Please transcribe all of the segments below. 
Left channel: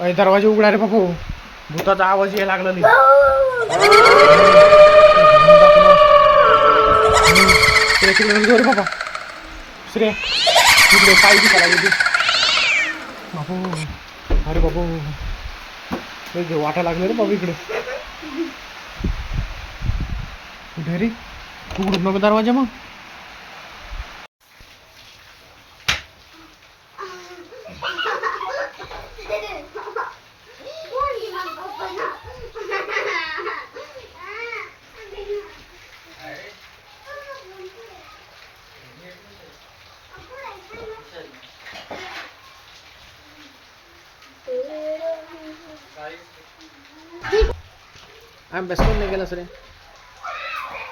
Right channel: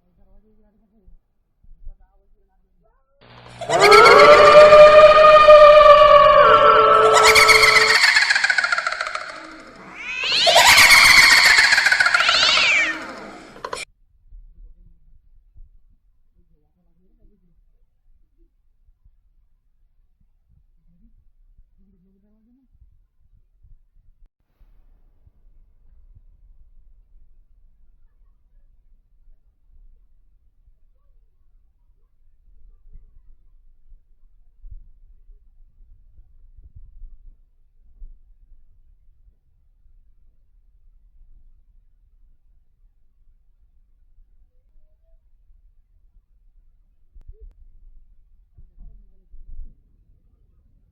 अय दरवाजा उघडा रे बापू. भूताचा आवाज यायला लागला नाही बाबा. बापू. अरे बापू. वाटा लागलं रे बाबा इकडे. कुठे रे? उघडून नको दरवाजा मग. अभ्यास कोण नाही गेला सर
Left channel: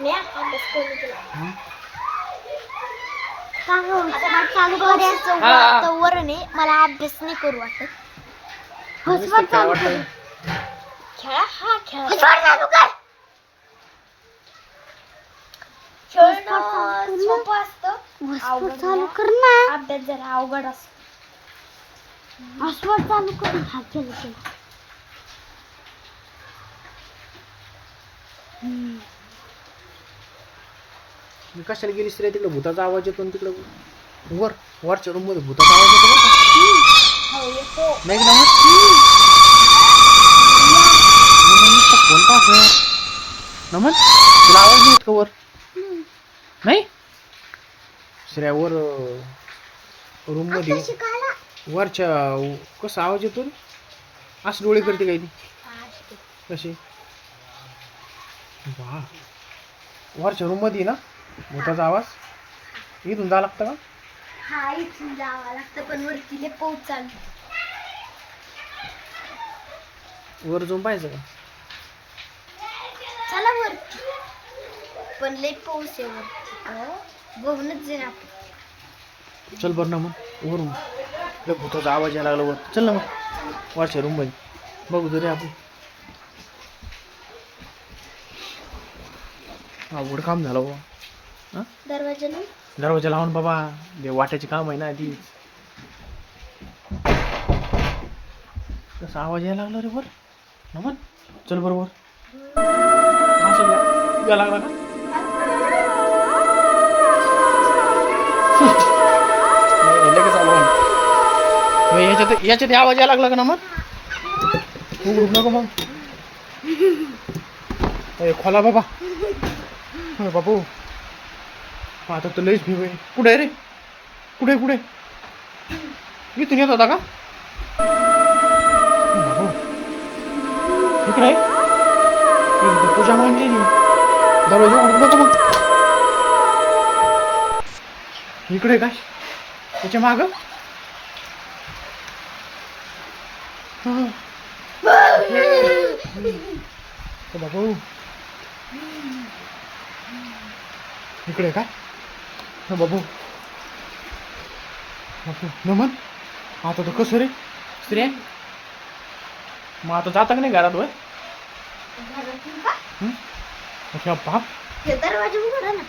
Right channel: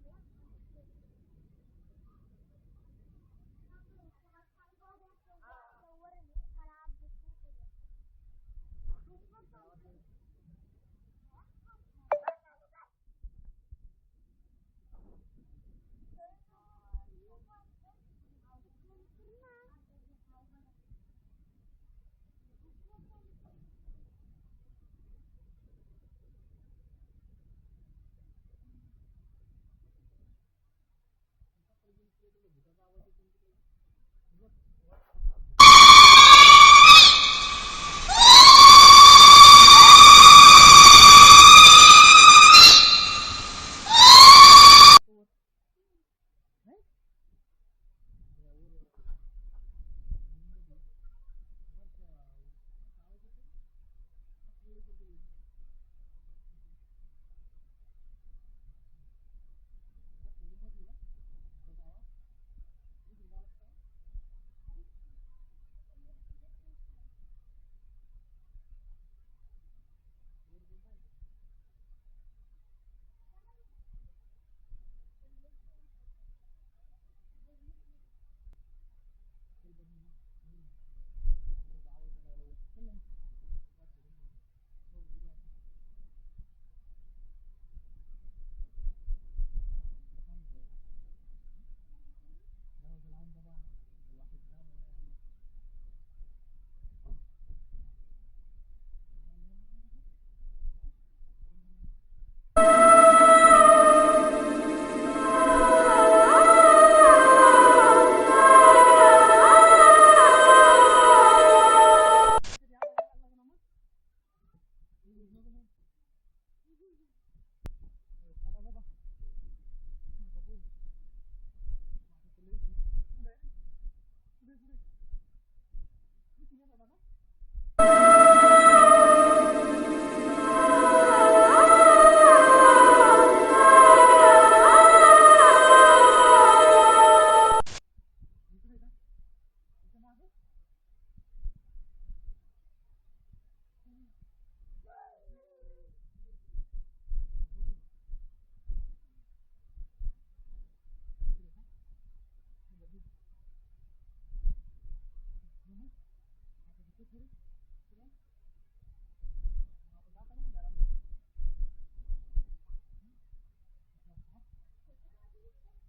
मी अभ्यास करून केला. का गं? आता मला आहे अभ्यास नाही करू वाटत काय चालू वाटलं खेळा हा खेळा खेळणं सोपं असतं अवघड चालू. कर ना अभ्यास जरा अवघड असतो चालू कर हा केलं केलं मी कशाला गेलीस रे तिकडे? भूताचा आवाज येतो तिकडे. वर वरच्या रूममध्ये भूताचा आवाज येतो. नाही? नमन तुला आवाज नाही येत का वर? नाही? श्रेया वर रूममध्ये वरच्या कसा आवाज येतो रे असं डोळे करते काही ती. कशी? वा. वरच्या रूममध्ये ना? भूताचा आवाज? इथून जा लागतं का? हा इथून जावं लागतं पण वरती लय पाऊस चालू वर जाऊन पाहायचं का? चला वरती. पण लय पाऊस आहे वरती. बघूनच जाईन आपण. चल बरं ना मग वरून. लय भूताचा आवाज यायला लागला वर चल ना मग वरच्या रूममध्ये. बघू तरी आपण. अवघड काम झालं बाबा. दरवाजा दरवाजा लावून बाबा ते वाट्याचे काम आहे ना ती कसा आवाज यायला लागला रे वर. नमन चल बरोबर लागला याच्यात याच्यात आवाज यायला लागला का नमन? उघडू नको मग. ए, खोला बाबा. अरे बापू आता तर लईच भिव आहे. कुठे आहे रे? कुठे कुठे? इथून येत होता का. इकडे. काय? त्याच्या माग? बाबू. इकडे काय हा बाबू. नमन. आता तर कसं रे? स्त्रिया मग आता जाता का नाही घरात वय? अच्छा बाप. हे दरवाजा उघडा ना.